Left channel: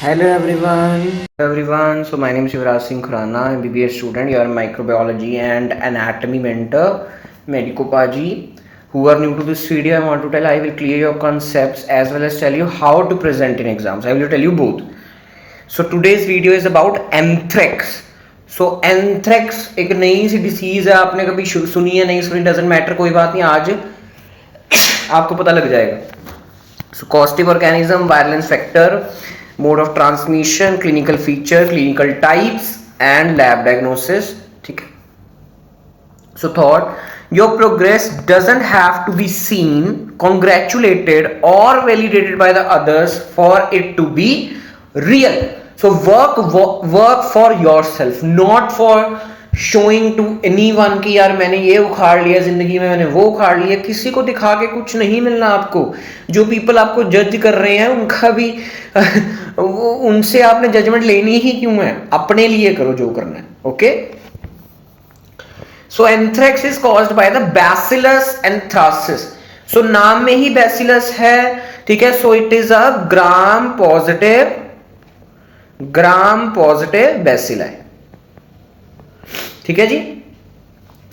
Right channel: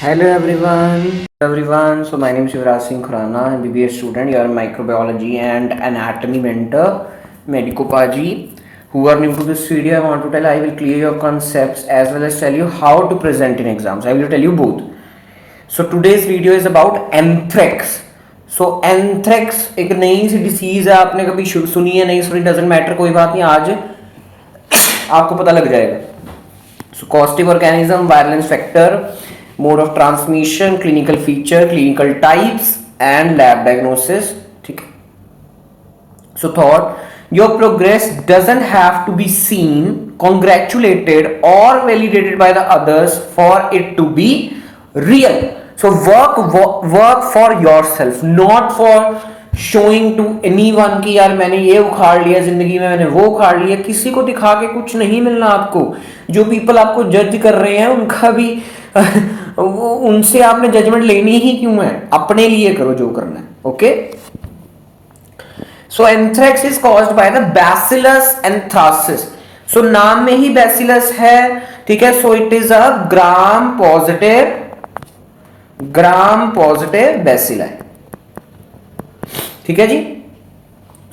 Hello everyone. So my name is Yuvraj Singh Khurana, I'm BBA student. You are microbiology and anatomy mentor, Medico Paji. Who are new to this video, I want to tell I will clear your concepts as well as tell you how to present in exams. I will tell you both. So today's video is about anthrax. So anthrax एक नई सी disease है, आपने कभी सुनी है नहीं सुनी doesn't matter, कोई बात नहीं, आज आपको पता लग जाएगा. So causative organism, virulence factor, mode of transmission, clinical feature, clinical types and lab diagnosis. ठीक है. So thought, your progress doesn't have to be seen, congratulated or validated by the others for it to be real. So work for yourself, not for showing to anyone कि यार मैंने ये उखाड़ लिया जिंदगी में, मैंने वो उखाड़ लिया. किसी को दिखा के कुछ नहीं मिलना आपको. जो पीपल आपको जज कर रहे हैं उनका भी उनसे आपने जजमेंट लेनी ही क्यों है. अपने लिए करो जो करना है. Okay. So anthrax is caused by the bacillus anthracis. So नाम में ही बैसिलस है. ठीक है. So it is a gram positive bacilli. ठीक है जी.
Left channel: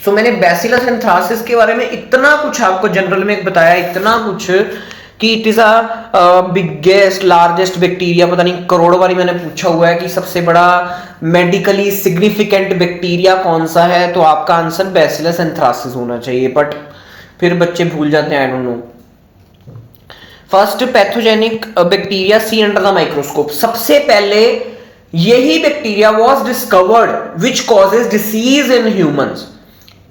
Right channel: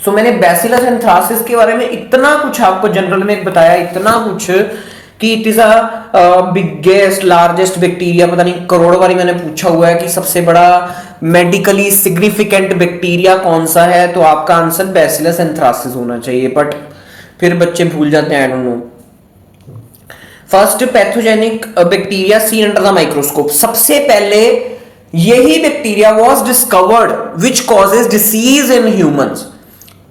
सो मैंने बैसिलस एंथ्रासिस के बारे में इतना कुछ आपको जनरल में बताया, इतना कुछ कि it is a biggest largest bacteria. पता नहीं करोड़ों बारी मैंने पूछा हुआ है कि सबसे बड़ा मेडिकली सिग्निफिकेंट बैक्टीरिया कौन सा है, तो आपका आंसर बैसिलस एंथ्रासिस होना चाहिए. बट फिर बच्चे भूल जाते हैं. I don't know. First pathogenic bacteria see under the microscope. सबसे पहले यही bacteria was discovered which causes disease in humans.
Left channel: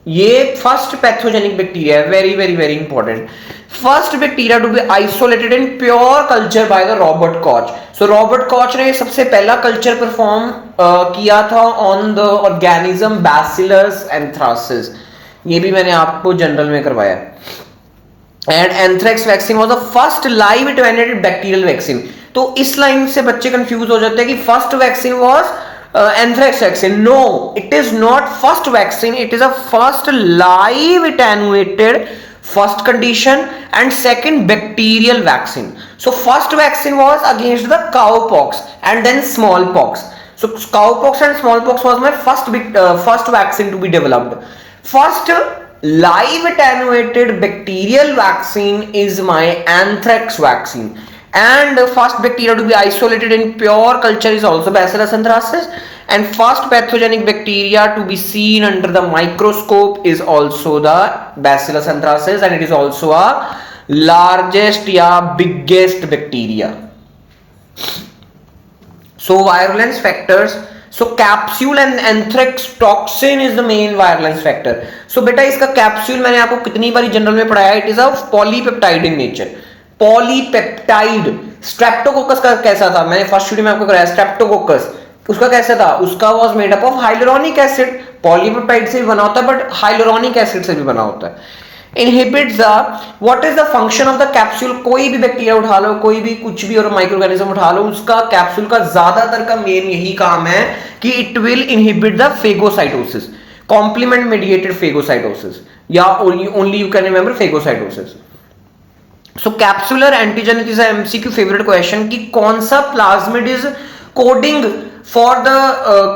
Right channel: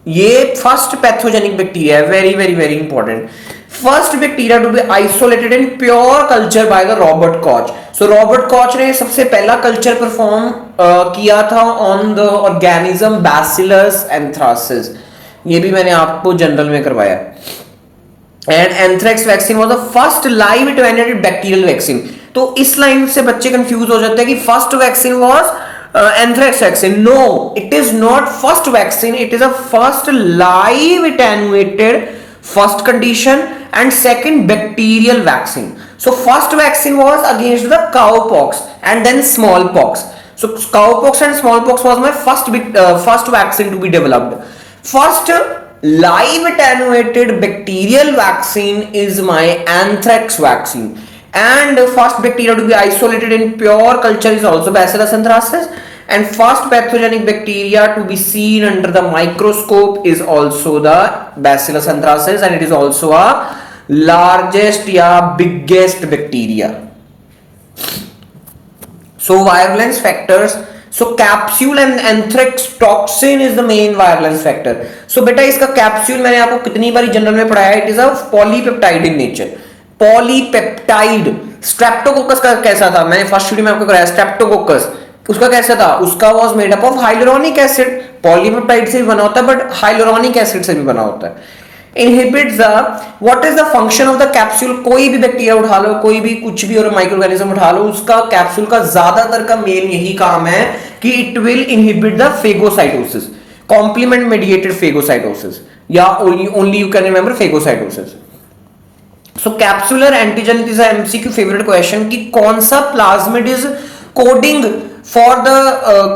ये फर्स्ट पैथोजेनिक बैक्टीरिया है. Very very very important. First bacteria to be isolated in pure culture by the Robert Koch. So Robert Koch ने सबसे पहला culture perform किया था on the organism bacillus anthracis. ये भी मैंने आपको जनरल में करवाया. And anthrax vaccine was the first live attenuated bacterial vaccine. तो इस लाइन से बच्चे कंफ्यूज हो जाते हैं कि first vaccine was anthrax vaccine. No, it is not first vaccine. It is a first live attenuated first condition and second bacterial vaccine. So first vaccine was against the cowpox and then smallpox. So cowpox and smallpox was my first vaccine to be developed. First live attenuated bacterial vaccine is my anthrax vaccine. And first bacteria to be isolated in pure culture is also Bacillus anthracis, and first pathogenic bacteria to be seen under the microscope is also the Bacillus anthracis, and it is also a largest या biggest bacteria. So virulence factors. So capsule and anthrax toxin is the main virulence factor. So बेटा इसका capsule मैंने आपको कितनी बारी general में पढ़ाया. It is a polypeptide in nature. Polypeptide. Streptococcus का कैसा था, मैंने फर्स्ट वीडियो में आपको कराया. स्ट्रेप्टोकोकस उसका कैसा था, उसका was made up of hyaluronic acid. Polypeptide से भी बना होता है बट हाइलुरोनिक एसिड से भी बना होता है. Inhibits the what is the function of the capsule. कोई भी बैक्टीरिया उठा लो, कोई भी कुछ भी और माइक्रो ऑर्गेनिज्म उठा लो, उसका कैप्सूल का ज्यादातर का मेन यही काम है कि it will inhibit the phagocytosis, complement mediated phagocytosis, या only you can remember phagocytosis. So capsular antigen is MCQ favourite question कि कौन सा plasmid is coding for the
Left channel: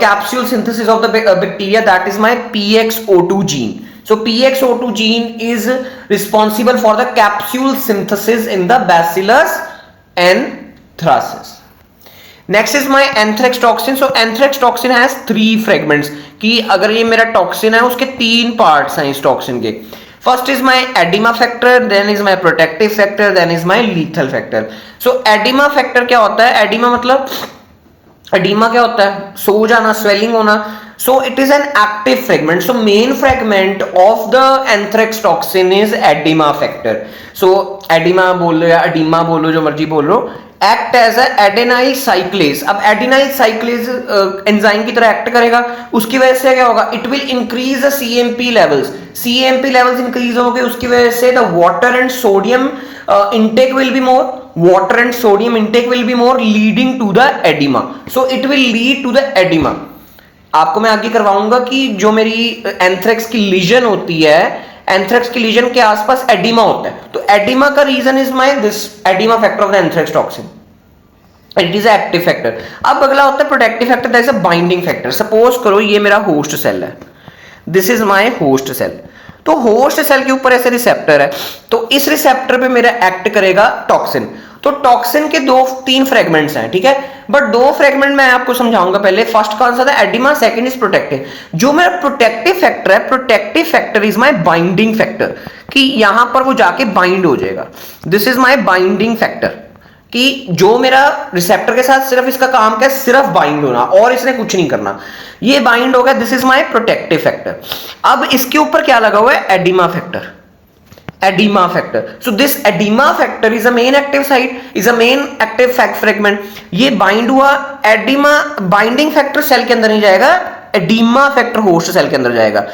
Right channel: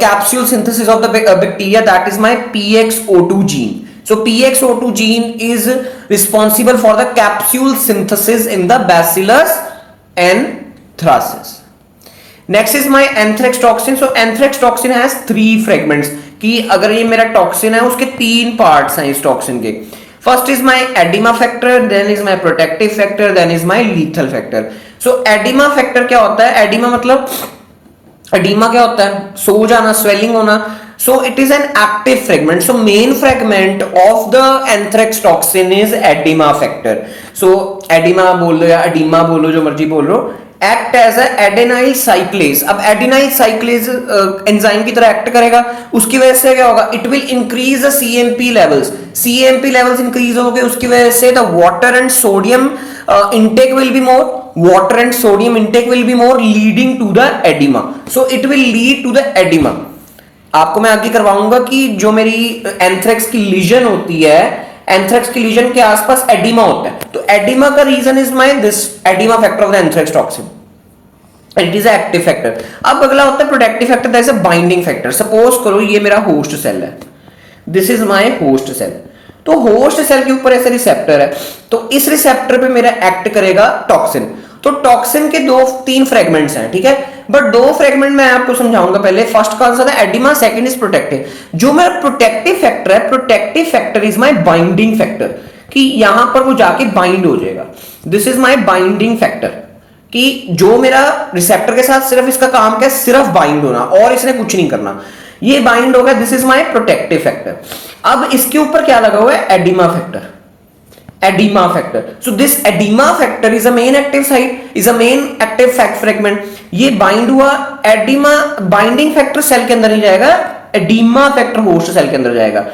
capsule synthesis of the bacteria. That is my PXO2 gene. So PXO2 gene is responsible for the capsule synthesis in the Bacillus anthracis. Next is my anthrax toxin. So anthrax toxin has 3 fragments. कि अगर ये मेरा toxin है उसके 3 parts हैं इस toxin के. First is my edema factor, then is my protective factor, then is my lethal factor. So edema factor क्या होता है. एडिमा मतलब एडिमा क्या होता है, सो जाना, स्वेलिंग होना. So it is an active fragment. So main fragment of the anthrax toxin is edema factor. So edema बोल लो या edema बोलो, जो मर्जी बोल लो. Act as a adenyl cyclase. अब adenyl cyclase एंजाइम की तरह एक्ट करेगा. उसकी वजह से क्या होगा, it will increase the CMP levels. CMP levels increase हो गए, उसकी वजह से the water and sodium intake will be more. Water and sodium intake will be more, leading to the edema. So it will lead to the edema. आपको मैं आगे करवाऊंगा कि जो मेरी एंथ्रेक्स की लीजन होती है, एंथ्रेक्स की लीजन के आसपास एडिमा होता है. तो एडिमा का reason is my this edema factor of the anthrax toxin. It is active factor. अब अगला होता है protective factor, that is a binding factor. Suppose करो ये मेरा होस्ट सेल है, this is my host cell. तो होस्ट सेल के ऊपर ऐसे रिसेप्टर है, तो इस रिसेप्टर पे मेरा एक्ट करेगा टॉक्सिन। तो टॉक्सिन के दो तीन फ्रेगमेंट्स हैं, ठीक है, बट दो फ्रेगमेंट मैं आपको समझाऊंगा। पहले फर्स्ट कौन सा था, एडिमा, सेकंड इज प्रोटेक्टिव। जो मेरा प्रोटेक्टिव फैक्टर है, protective factor is my binding factor, कि यहां पर वो जाके बाइंड हो जाएगा। This is my binding factor, कि जो मेरा रिसेप्टर के साथ सिर्फ इसका काम क्या है, सिर्फ बाइंड होना, और इसने कुछ नहीं करना, ये बाइंड होगा। This is my protective factor. अब इसके ऊपर क्या लगा हुआ है, oedema factor, oedema factor. So this edema factor is a men active site, is a men active fragment. ये बाइंड हुआ, एडिमा बाइंडिंग फैक्टर सेल के अंदर नहीं जाएगा, एडिमा फैक्टर होस्ट सेल के अंदर जाएगा।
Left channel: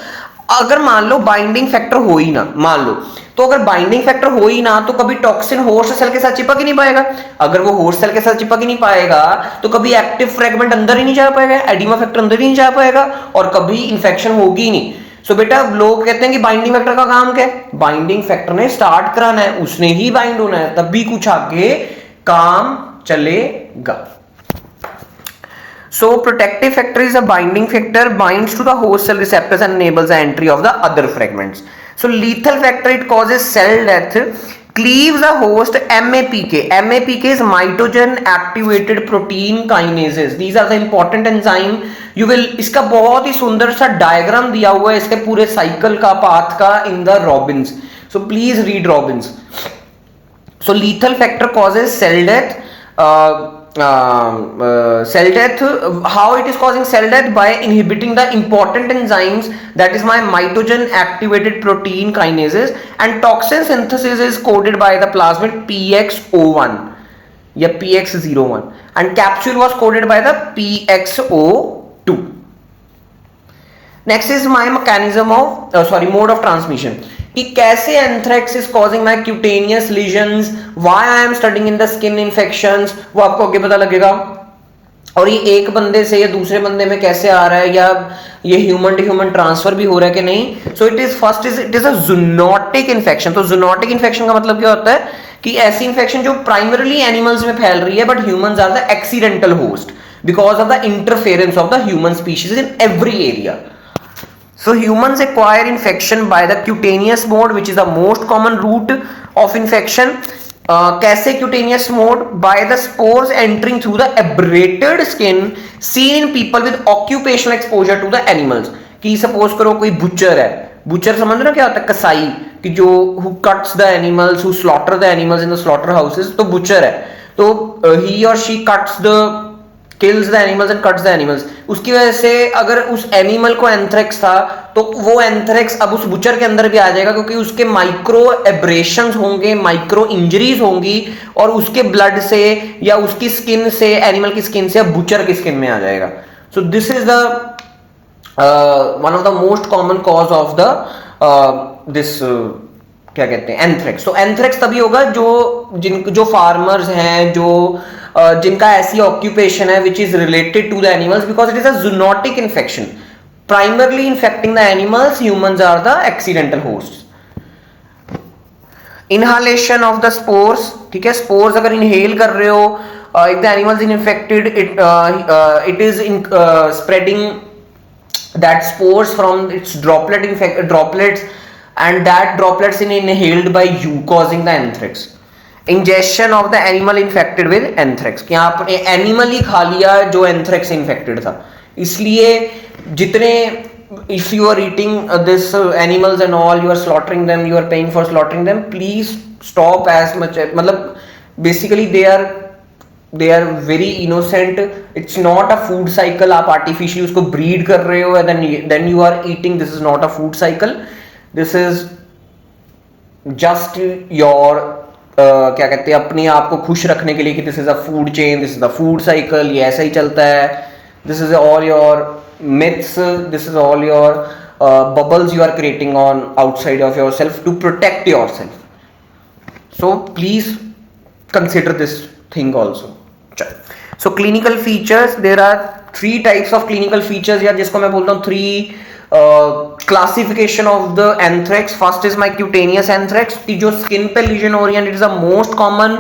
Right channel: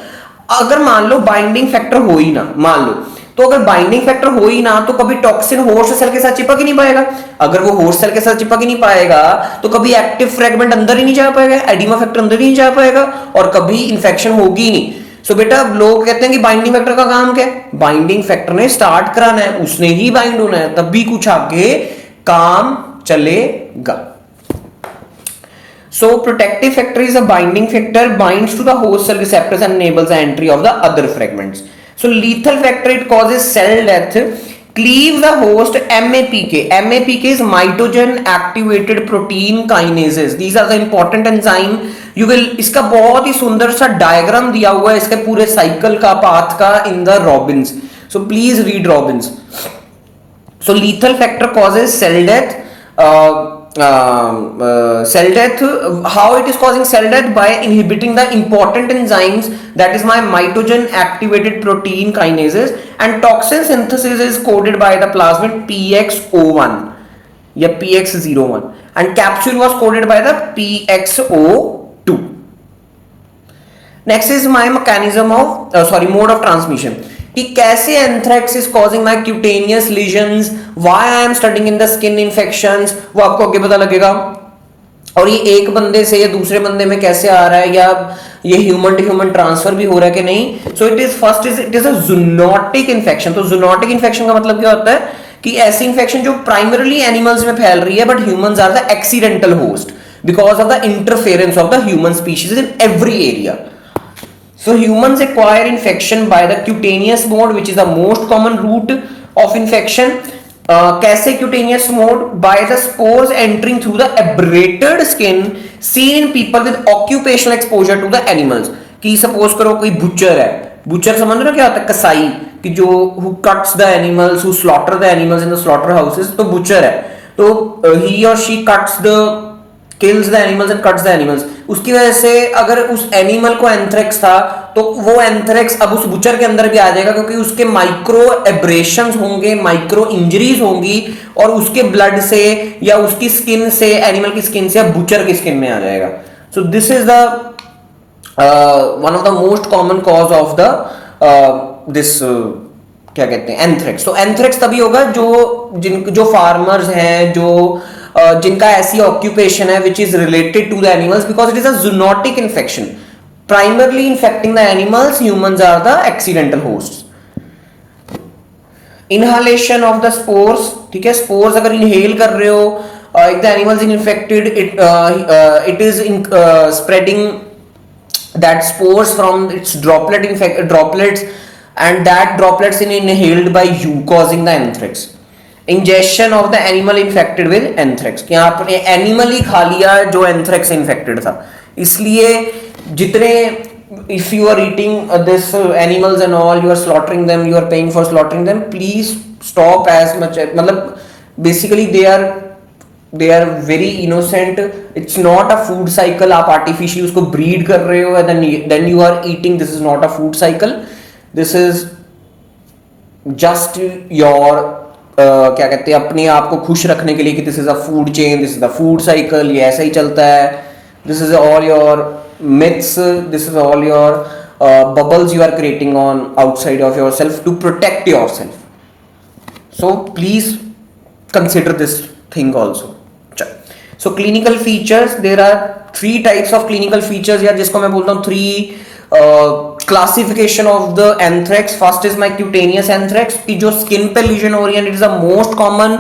अगर मान लो बाइंडिंग फैक्टर हो ही ना, मान लो, तो अगर बाइंडिंग फैक्टर हो ही ना, तो कभी टॉक्सिन होस्ट सेल के साथ चिपक ही नहीं पाएगा। अगर वो होस्ट सेल के साथ चिपक ही नहीं पाएगा, तो कभी एक्टिव फ्रेगमेंट अंदर ही नहीं जा पाएगा, एडिमा फैक्टर अंदर ही नहीं जा पाएगा, और कभी इंफेक्शन होगी ही नहीं। सो बेटा लोग कहते हैं कि बाइंडिंग फैक्टर का काम क्या है, बाइंडिंग फैक्टर ने स्टार्ट कराना है, उसने ही बाइंड होना है, तब भी कुछ आगे काम चलेगा। So protective factor is a binding factor, binds to the host cell receptors and enables the entry of the other fragments. So lethal factor, it causes cell death, cleaves the host, MAPK. MAPK is mitogen activated protein kinases. These are the important enzyme. You will, इसका बहुत ही सुंदर सा diagram दिया हुआ है इसके पूरे cycle का, पाथ का, in the Robbins. So please read Robbins. So lethal factor causes cell death. Cell death, how it is causing cell death? By inhibiting the important enzymes, that is my mitogen activated protein kinases, and toxin synthesis is coded by the plasmid PXO1 या PX01, and capsule was coded by the PXO2. Next is my mechanism of mode of transmission, कि कैसे anthrax is causing my cutaneous lesions, why I am studying in the skin infections, वो आपको आगे पता लगेगा। और ये एक बंदे से या दूसरे बंदे में कैसे आ रहा है, या ये ह्यूमन टू ह्यूमन ट्रांसफर भी हो रहा है कि नहीं। सो it is first it is a zoonotic infection. तो जूनोटिक इन्फेक्शन का मतलब क्या होता है, कि ऐसी इन्फेक्शन जो प्राइमरली एनिमल्स में फैल रही है, but humans are the accidental host because of the interference of the human species in every area. So humans acquire infection by the cutaneous mode, which is the most common route of infection. कैसे cutaneous mode? By the spores entering through the abrated skin seen in people with occupational exposure to the animals. कि suppose करो कोई butcher है, butcher समझ रहे हो क्या होता है, कसाई, कि जो who cuts the animals, who slaughter the animals in the slaughter houses, तो butcher है, तो he or she cuts the kills the animals and cuts the animals. उसकी वजह से अगर उस एनिमल को एंथ्रेक्स था, तो वो एंथ्रेक्स अब उस बुचर के अंदर भी आ जाएगा, क्योंकि उसके माइक्रो एब्रेशंस होंगे, माइक्रो इंजरीज होंगी, और उसके ब्लड से या उसकी स्किन से, एनिमल की स्किन से, या बुचर की स्किन में आ जाएगा. सो this is the one of the most common cause of the this क्या कहते हैं, एंथ्रेक्स. तो एंथ्रेक्स तभी होगा जो फार्मर्स हैं, जो जिनका ऐसी ऑक्यूपेशन है which is related to the animals, because it is a zoonotic infection primarily infecting the animals. Humans are the accidental hosts. Inhalation of the spores, ठीक है, स्पोर्स अगर इनहेल कर रहे हो, if the animals is infected, it is spreading that spores from its droplets, and that droplets in inhaled by you, causing the anthrax. Ingestion of the animal infected with anthrax, कि आपने animal ही खा लिया जो anthrax infected था, इसलिए जितने if you are eating this animals and all, you are slaughtering them, you are paying for slaughtering them, please stop as much. मतलब basically they are very innocent. It's not a food cycle. आप artificially उसको breed कर रहे हो, then you are eating. This is not a food cycle. This is just your क्या कहते हैं, अपने आप को खुश रखने के लिए, कि this is a food chain, this is the food cycle, ये ऐसा ही चलता है. This is all your myths. This is all your bubbles you are creating on outside of yourself to protect yourself. So please consider this thing also. So clinical features, there are 3 types of clinical features here, जिसको मैं बोलता हूँ 3 classification of the anthrax. First is my cutaneous anthrax, कि जो skin पे lesion हो रही है, and it is the most common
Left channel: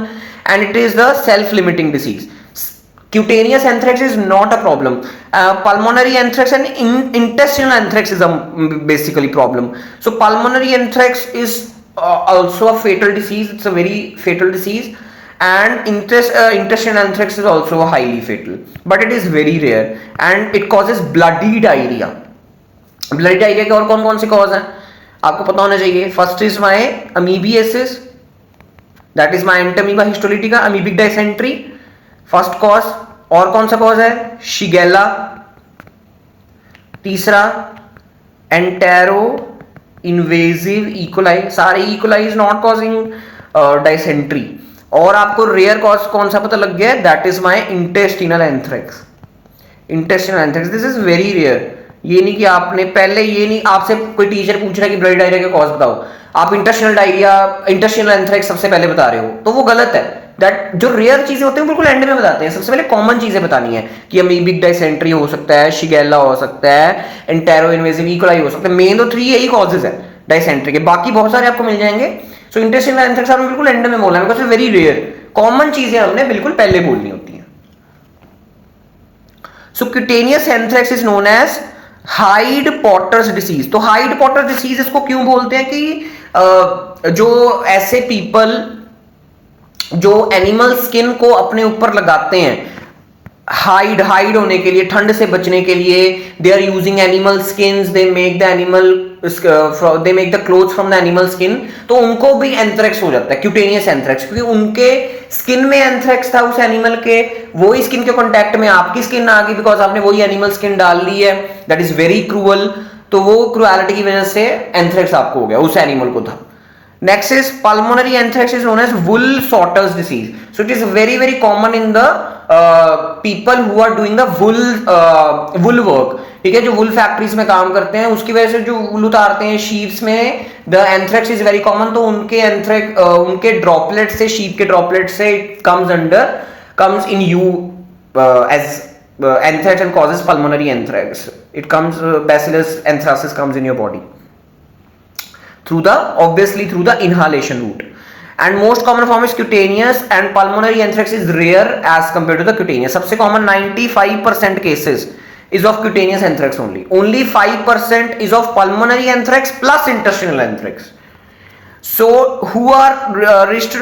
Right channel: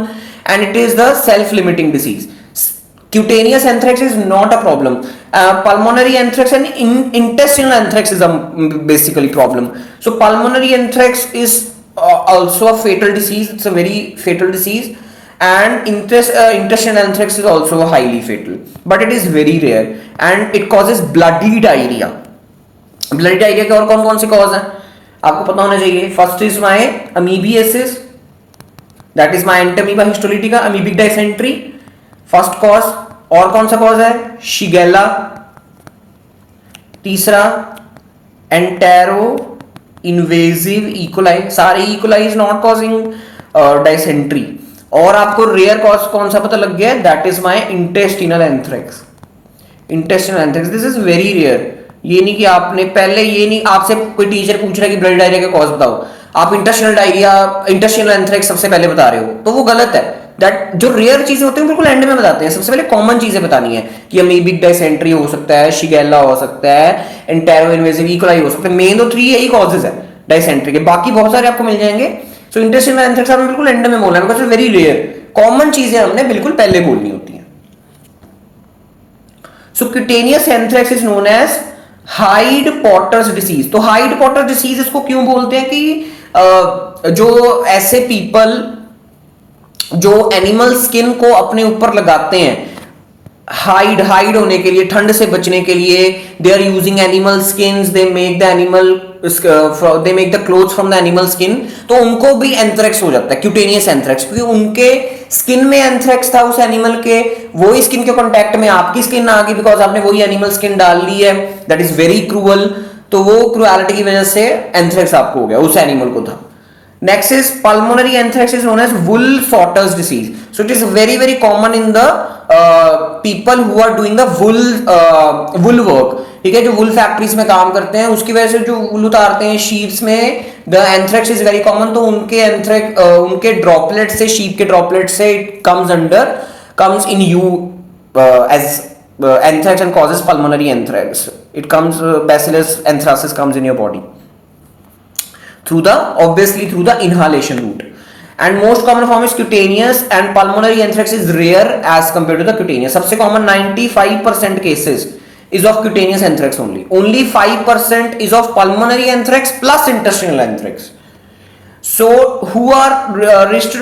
and it is the self limiting disease. Cutaneous anthrax is not a problem. Pulmonary anthrax and intestinal anthrax is a basically problem. So pulmonary anthrax is also a fatal disease. It's a very fatal disease, and intestinal anthrax is also highly fatal, but it is very rare and it causes bloody diarrhea. Bloody diarrhea के और कौन कौन से cause है आपको पता होना चाहिए. First is my amoebiasis, that is my Entamoeba histolytica, amoebic dysentery, first cause. और कौन सा कॉज है? शिगेला. तीसरा एंटेरो इन्वेजिव इकोलाई. सारे E coli is not causing dysentery. और आपको रेयर कॉज कौन सा पता लग गया है? That is my intestinal anthrax. Intestinal anthrax this is very rare. ये नहीं कि आपने पहले, ये नहीं आपसे कोई टीचर पूछ रहा है कि ब्लड डायरिया का कॉज बताओ, आप इंटेस्टिनल एंथ्रेक्स सबसे पहले बता रहे हो, तो वो गलत है. दैट जो रेयर चीजें होती हैं बिल्कुल एंड में बताते हैं. सबसे पहले कॉमन चीजें बतानी है कि अमीबिक डाइसेंट्री हो सकता है, शिगेला हो सकता है, एंटेरो इन्वेजिव इकोलाई हो सकता है. मेन तो 3 यही कॉजेज है डाइसेंट्री के, बाकी बहुत सारे आपको मिल जाएंगे. सो इंटेस्टिनल एंथ्रेक्स आपने बिल्कुल एंड में बोलना है बिकॉज़ वेरी रेयर. कॉमन चीजें हमने बिल्कुल पहले बोलनी होती हैं. So cutaneous anthrax is known as hide porters disease. तो हाइड पॉटर डिसीज इसको क्यों बोलते हैं कि जो ऐसे पीपल जो एनिमल स्किन को अपने ऊपर लगाते हैं हाइड होने के लिए, ठंड से बचने के लिए, they are using animal skins, they make the clothes from the animal skin, तो उनको भी एंथ्रेक्स हो जाता है, क्यूटेनियस एंथ्रेक्स, क्योंकि उनके स्किन में एंथ्रेक्स था उस एनिमल के, वही स्किन के कांटेक्ट में आपकी स्किन आ गई बिकॉज आपने वही एनिमल स्किन डाल ली है. That is very cruel. तो वो क्रूएलिटी की वजह से एंथ्रेक्स आपको हो गया, उस एनिमल को था. Next is pulmonary anthrax is known as wool-Sorter's disease. So it is very very common in the people who are doing the wool work. ठीक है, जो wool factories में काम करते हैं उसकी वजह से जो wool उतारते हैं sheeps में, the anthrax is very common. तो उनके ड्रॉपलेट से, sheep के ड्रॉपलेट से comes in you as anthrax and causes pulmonary anthrax. It comes Bacillus anthracis comes in your body obviously through the inhalation route. And most common form is cutaneous, and pulmonary anthrax is rare as compared to the cutaneous. सबसे common 95% cases is of cutaneous anthrax only 5% is of pulmonary anthrax plus intestinal anthrax. So who are risk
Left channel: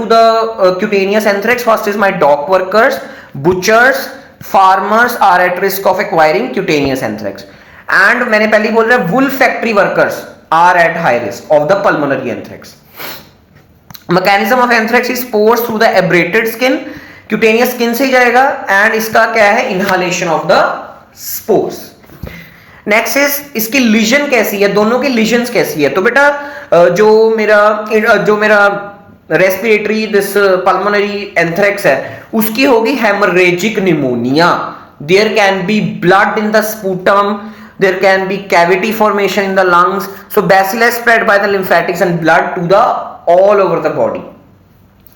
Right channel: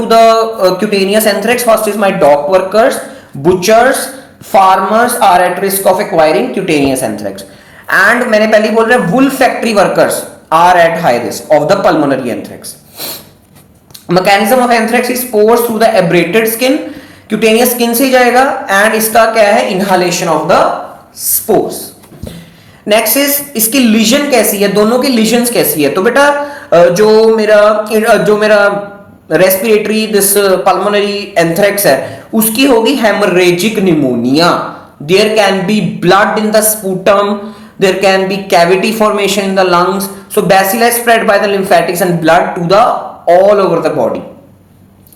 to the cutaneous anthrax? First is my dock workers, butchers, farmers are at risk of acquiring cutaneous anthrax. And मैंने पहले ही बोल रहा wool factory workers are at high risk of the pulmonary anthrax. Mechanism of anthrax is spores through the abrated skin. Cutaneous skin से जाएगा and इसका क्या है? Inhalation of the spores. Next is इसकी lesion कैसी है? दोनों की lesions कैसी है? तो बेटा जो मेरा respiratory this pulmonary anthrax है उसकी होगी hemorrhagic pneumonia. There can be blood in the sputum. There can be cavity formation in the lungs. So bacilli spread by the lymphatics and blood to the all over the body.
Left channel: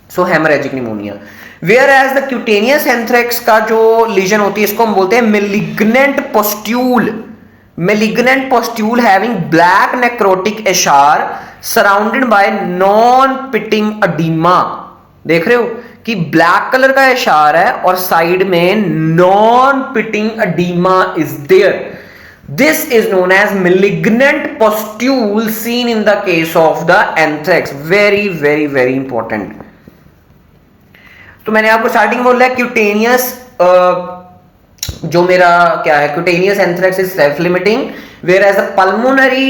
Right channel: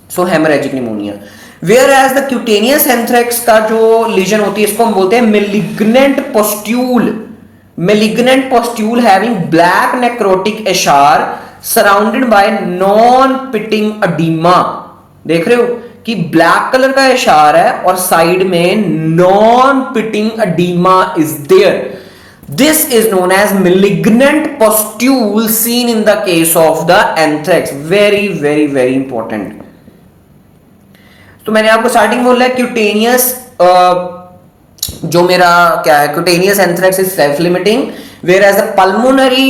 So hemorrhagic pneumonia. Whereas the cutaneous anthrax का जो lesion होती है इसको हम बोलते हैं malignant pustule. Malignant pustule having black necrotic eschar surrounded by non-pitting edema. देख रहे हो कि ब्लैक कलर का एशार है और साइड में non pitting edema is there. This is known as malignant pustule seen in the case of the anthrax. Very very very important. तो मैंने आपको स्टार्टिंग बोला है क्यूटेनियस जो मेरा क्या है cutaneous anthrax is self limiting whereas the pulmonary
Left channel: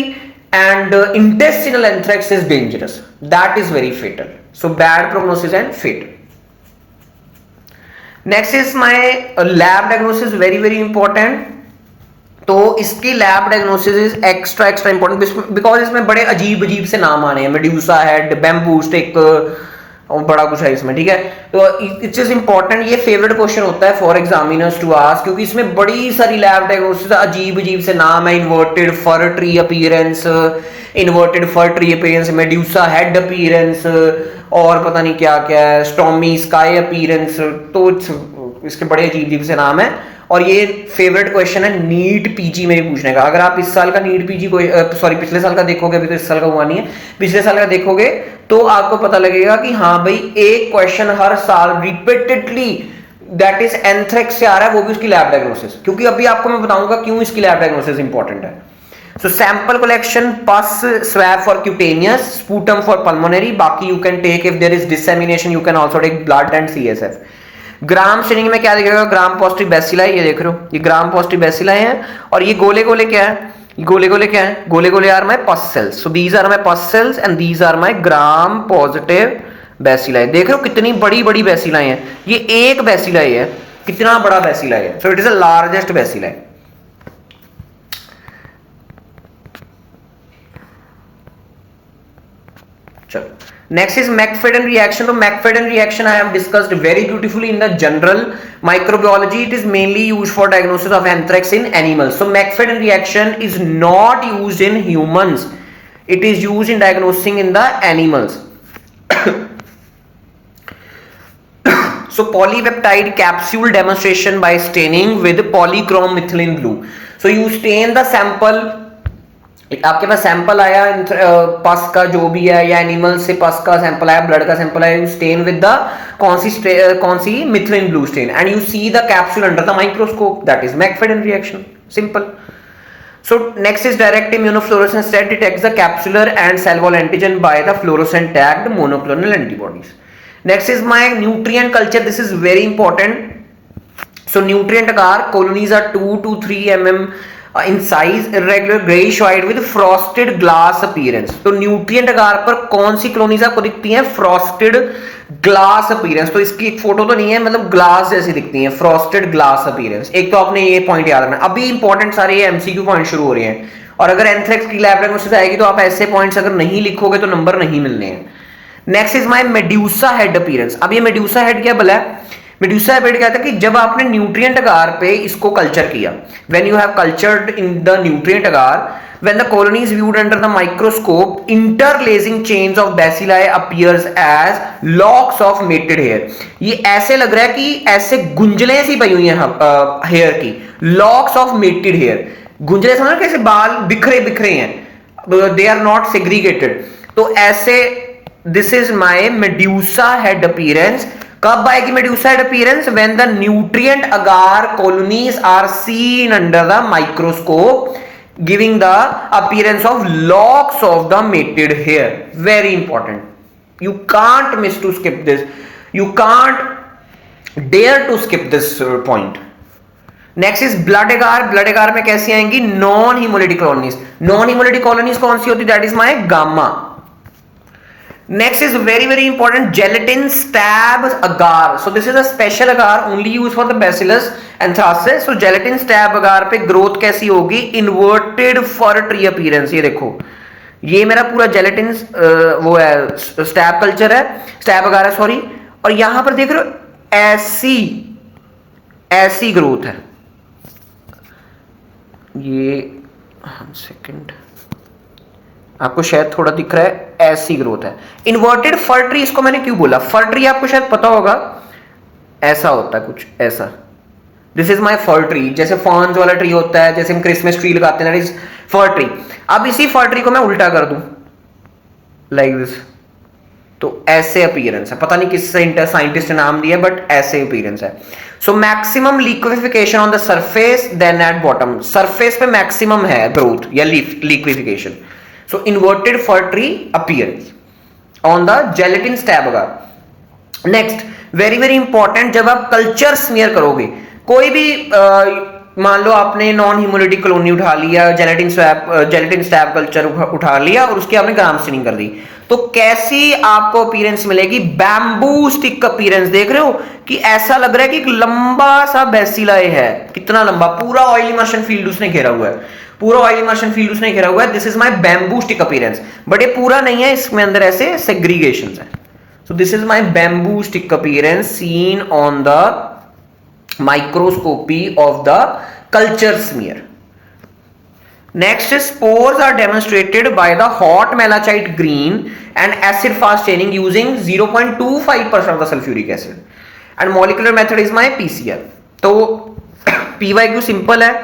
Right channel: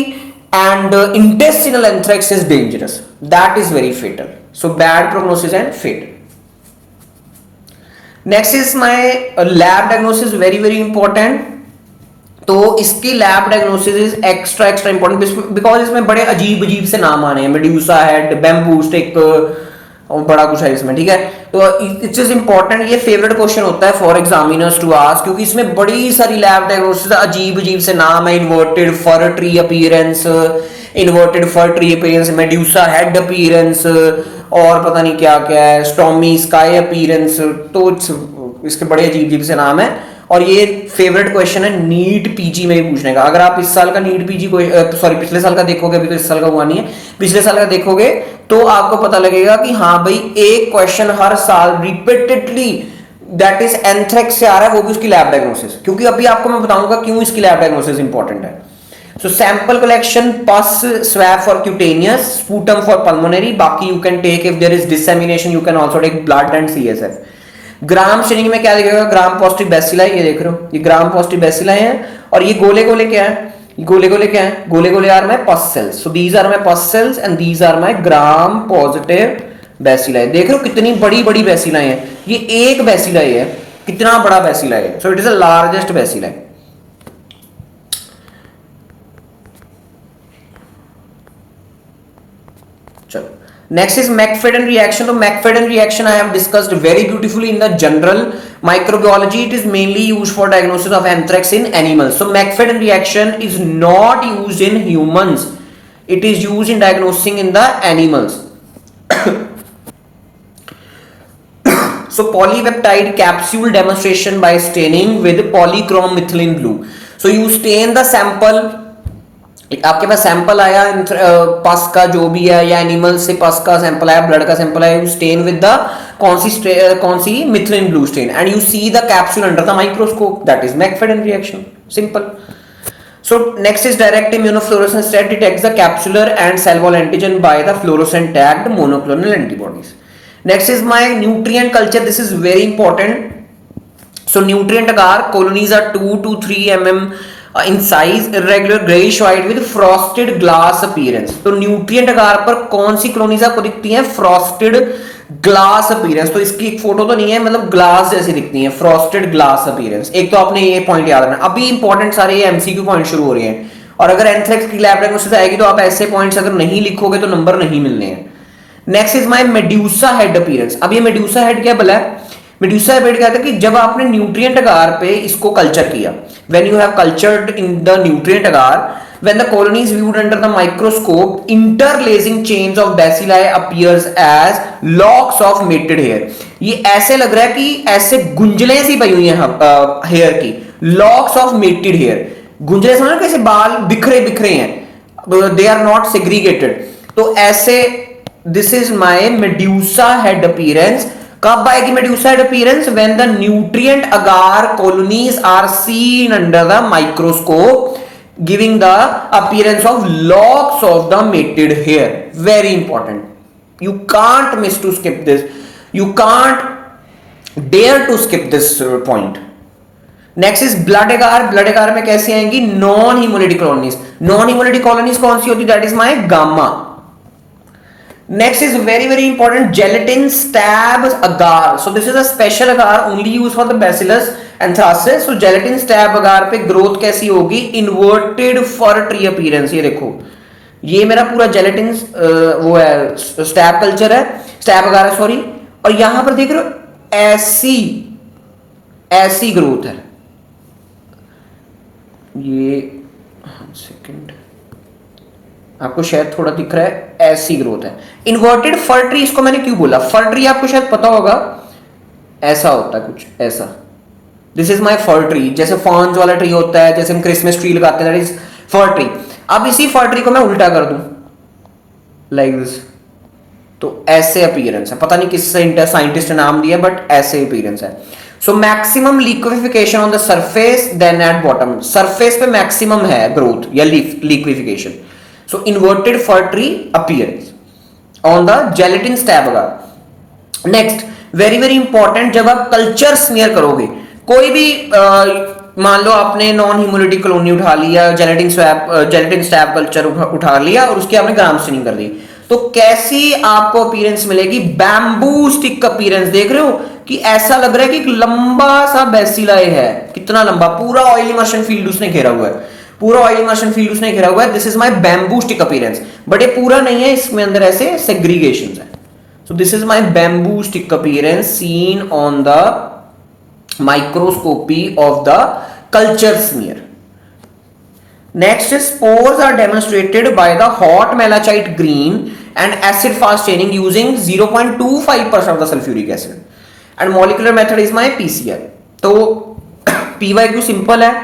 and intestinal anthrax is dangerous. That is very fatal. So bad prognosis and fatal. Next is my lab diagnosis, very very important. तो इसकी lab diagnosis is extra important because इसमें बड़े अजीब से नाम आने हैं. Medusa head, bamboo stick और बड़ा कुछ है इसमें. ठीक है, तो इट्स इज इंपॉर्टेंट. ये फेवरेट क्वेश्चन होता है फॉर एग्जामिनर्स टू आस्क क्योंकि इसमें बड़ी सारी लैब डायग्नोसिस अजीब से नाम है. Inverted fir tree appearance, Medusa head appearance और पता नहीं क्या क्या है, स्टॉमी स्काई अपीयरेंस. तो इसके बड़े अजीब से नाम है और ये फेवरेट क्वेश्चन है नीट पीजी में भी पूछने का. अगर आप इस साल का नीट पीजी पिछले साल का देखोगे, अभी तो इस साल का हुआ नहीं है, पिछले साल का देखोगे तो आपको पता लगेगा कि हाँ भाई एक क्वेश्चन हर साल रिपीटेडली दैट इज एंथ्रेक्स से आ रहा है, वो भी उसकी लैब डायग्नोसिस, क्योंकि अभी आपको मैं बताऊंगा क्यों इसकी लैब डायग्नोसिस इंपॉर्टेंट है। So sample collection, pus swab for cutaneous, sputum for pulmonary, बाकी you can take if there is dissemination you can also take blood and CSF. Gram staining में क्या दिखेगा, ग्राम पॉजिटिव बैसिलाई, ये देख रहे हो ये ग्राम पॉजिटिव बैसिलाई है, और ये गोले गोले क्या है, गोले गोले क्या है, गोले गोले are my pus cells, so these are my pus cells and these are my gram positive bacilli. देख रहे हो कितनी बड़ी बड़ी बैसिलाई है, ये एक बैसिलाई है, कितना बड़ा बैसिलाई है, so it is the largest bacilli. चलो नेक्स्ट इज मैकफेडन रिएक्शन। तो McFadyean reaction I have discussed very beautifully in the general microbiology, it is mainly used for diagnosis of anthrax in animals. So McFadyean reaction is not used in humans, it is used in diagnosing in the animals. So polypeptide capsule demonstration by staining with polychrome methylene blue. So you stain the sample, आपके पास sample आया पस का जो भी है, या animal से पस का सैंपल आया, ब्लड का सैंपल आया, यू स्टेन विद द कौन सी methylene blue stain, and you see the capsule under the microscope, that is McFadyean reaction, simple. So next is direct immunofluorescence that detects the capsular and cell wall antigen by the fluorescent tagged monoclonal antibodies. Next is my nutrient culture. This is very important. So nutrient agar colonies are 2 to 3 mm in size, irregular grayish white with frosted glass appearance. तो nutrient agar पर कौन सी colonies आपको दिखती हैं, frosted glass appearance. तो इसकी एक photo तो नहीं है, मतलब ग्लास जैसी दिखती है, फ्रॉस्टेड ग्लास अपीयरेंस. एक तो आपने ये पॉइंट याद रखना. अभी इंपॉर्टेंट सारे ये एमसीक्यू पॉइंट शुरू हो रहे हैं, और अगर एंथ्रेक्स की लैब डायग्नोसिस आएगी तो आप ऐसे पॉइंट्स अगर नहीं लिखोगे तो नंबर नहीं मिलने हैं. Next is my medusa head appearance. अब ये मेड्यूसा हेड क्या बोला है, मेड्यूसा हेड कहता है कि जब आपने न्यूट्रिएंट अगार पे इसको कल्चर किया, when you have cultured in the nutrient agar, when the colony is viewed under the microscope, interlacing chains of bacilli appears as locks of mated hair. ये ऐसे लग रहा है कि ऐसे गुंजलें सी पई हुई हैं हेयर की, locks of mated hair. गुंजले समझ कैसे बाल बिखरे बिखरे हैं, they are not segregated. तो ऐसे this is my medusa head appearance. कब आएगी medusa head appearance? When the nutrient agar colonies are seen under the microscope, giving the appearance of locks of the mated hair. Very important, you can't miss to skip this, you can't dare to skip this point. Next is blood agar. blood agar में कैसी आएंगी, non hemolytic colonies. non hemolytic colonies कौन सी होती, that is my gamma. Next is very important, gelatin stab agar. So this is a special agar only used for the bacillus anthracis. So gelatin stab agar पे growth कैसी होगी, inverted fur tree appearance. ये देखो, ये मेरा पूरा gelatin वो है, स्टैब कल्चर है, स्टैब agar है सॉरी, और यहां पर देख रहे हो ऐसी ग्रोथ है. ये सेकंड आपको शायद थोड़ा दिख रहा है, ऐसी ग्रोथ है. इन्वर्टेड फर ट्री, इसको मैंने क्यों बोला, फर ट्री आपको शायद पता होगा, ऐसा होता है कुछ ऐसा. This is my for tree, जैसे फॉन्स वाला ट्री होता है, जैसे हम क्रिसमस ट्री लगाते हैं, दैट इज फर ट्री. अब इसी फर ट्री को मैं उल्टा कर दूं लाइक दिस, तो ऐसे अपीयरेंस है. पता नहीं किस साइंटिस्ट ने नाम दिया, बट ऐसे अपीयरेंस है. So maximum liquefaction on the surface than at bottom. Surface पे मैक्सिमम है ग्रोथ या liquefaction. So inverted fir tree appearance on the gelatin stab agar. Next very important, जब आप कल्चर स्मीयर करोगे, कोई भी मान लो आपने नॉन हीमोलिटिक कॉलोनी उठा लिया, जेलेटिन स्टैब कल्चर उठा लिया और उसकी आपने ग्राम स्टेनिंग कर दी, तो कैसी आपको अपीयरेंस मिलेगी, बैम्बू स्टिक अपीयरेंस. देख रहे हो कि ऐसा लग रहा है कि एक लंबा सा बैसिलाई है, कितना लंबा, पूरा ऑयल इमर्शन फील्ड उसने घेरा हुआ है, पूरा ऑयल इमर्शन फील्ड उसने घेरा हुआ है. This is my bamboo stick appearance, but ये पूरा नहीं है, इसमें अंदर ऐसे सेग्रीगेशंस है. So this is my bamboo stick appearance seen on the microscopy of the culture smear. Next is spores are demonstrated by the hot malachite green and acid fast staining using 0.25% of the sulfuric acid, and molecular method is my PCR. तो PYQ simple है,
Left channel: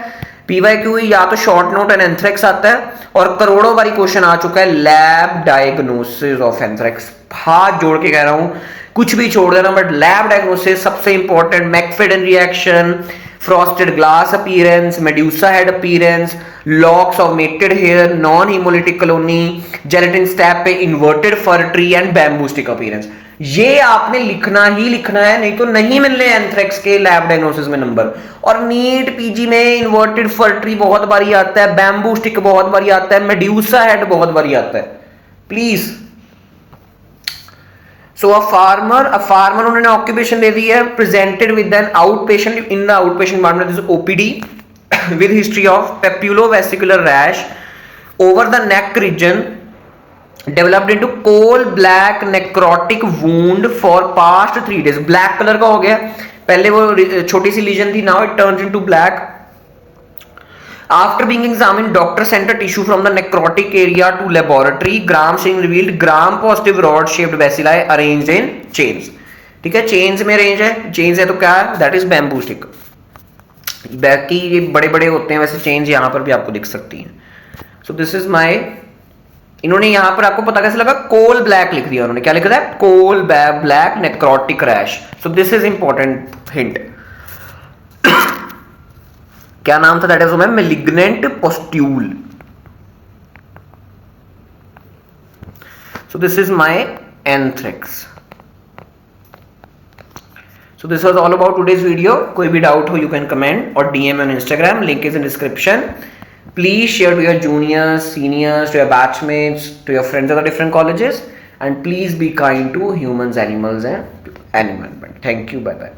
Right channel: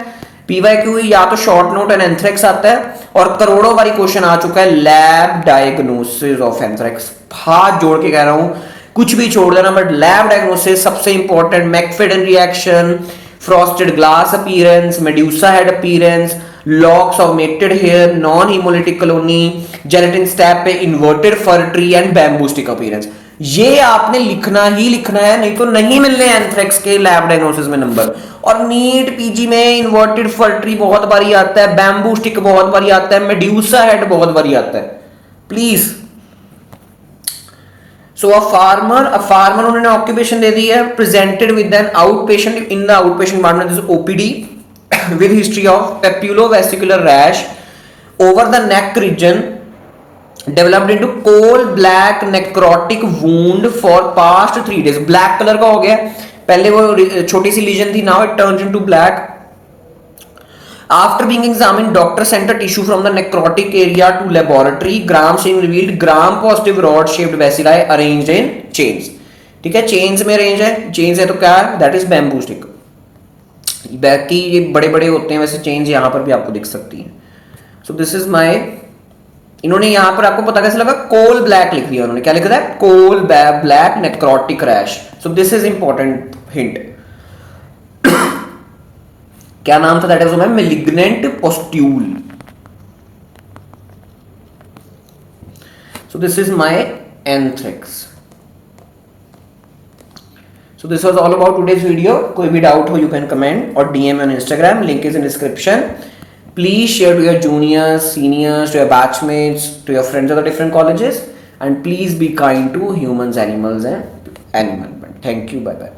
PYQ या तो short note and anthrax आता है, और करोड़ों बारी question आ चुका है लैब डायग्नोसिस ऑफ एंथ्रेक्स. हाथ जोड़ के कह रहा हूं कुछ भी छोड़ देना, बट लैब डायग्नोसिस सबसे important, McFadyean reaction, frosted glass appearance, Medusa head appearance, locks of matted hair, non haemolytic colony, gelatin stab पे inverted fir tree and bamboo stick appearance. ये आपने लिखना ही लिखना है, नहीं तो नहीं मिलने एंथ्रेक्स के लैब डायग्नोसिस में नंबर। और नीट पीजी में इन्वर्टेड फर ट्री बहुत बारी आता है, बैम्बू स्टिक बहुत बारी आता है, मेड्यूसा हेड बहुत बारी आता है, प्लीज। सो अ फार्मर उन्होंने ऑक्यूपेशन दे दी है, presented with an outpatient in the outpatient environment OPD with history of papulovesicular rash over the neck region developed into coal black necrotic wound for past 3 days। Black colour का हो गया, पहले वो छोटी सी lesion थी, now it turns into black. After being examined, doctor sent a tissue from the necrotic area to laboratory. Gram staining revealed gram positive rod shaped bacilli arranged in chains। ठीक है, चेन्स में arrange है, chains है तो क्या है, that is bamboo stick. बाकी ये बड़े बड़े होते हैं, वैसे चेन्स यहां पर भी आपको दिख सकती हैं। सो दिस इज माय, इन्होंने यहां पर आपको पता कैसे लगा, कोल ब्लैक लिख दिया उन्होंने, क्या लिख रहा है, coal black necrotic rash. So this is important hint. क्या नाम था, that is malignant pustule. So this is my anthrax. So this was all about today's video. कोई भी डाउट हो यू कैन कमेंट और DM on Instagram, link is in description. Please share to your juniors, seniors, to your batchmates, to your friends of the different colleges, and please be kind to humans, animals, and environment. Thank you. Bye bye.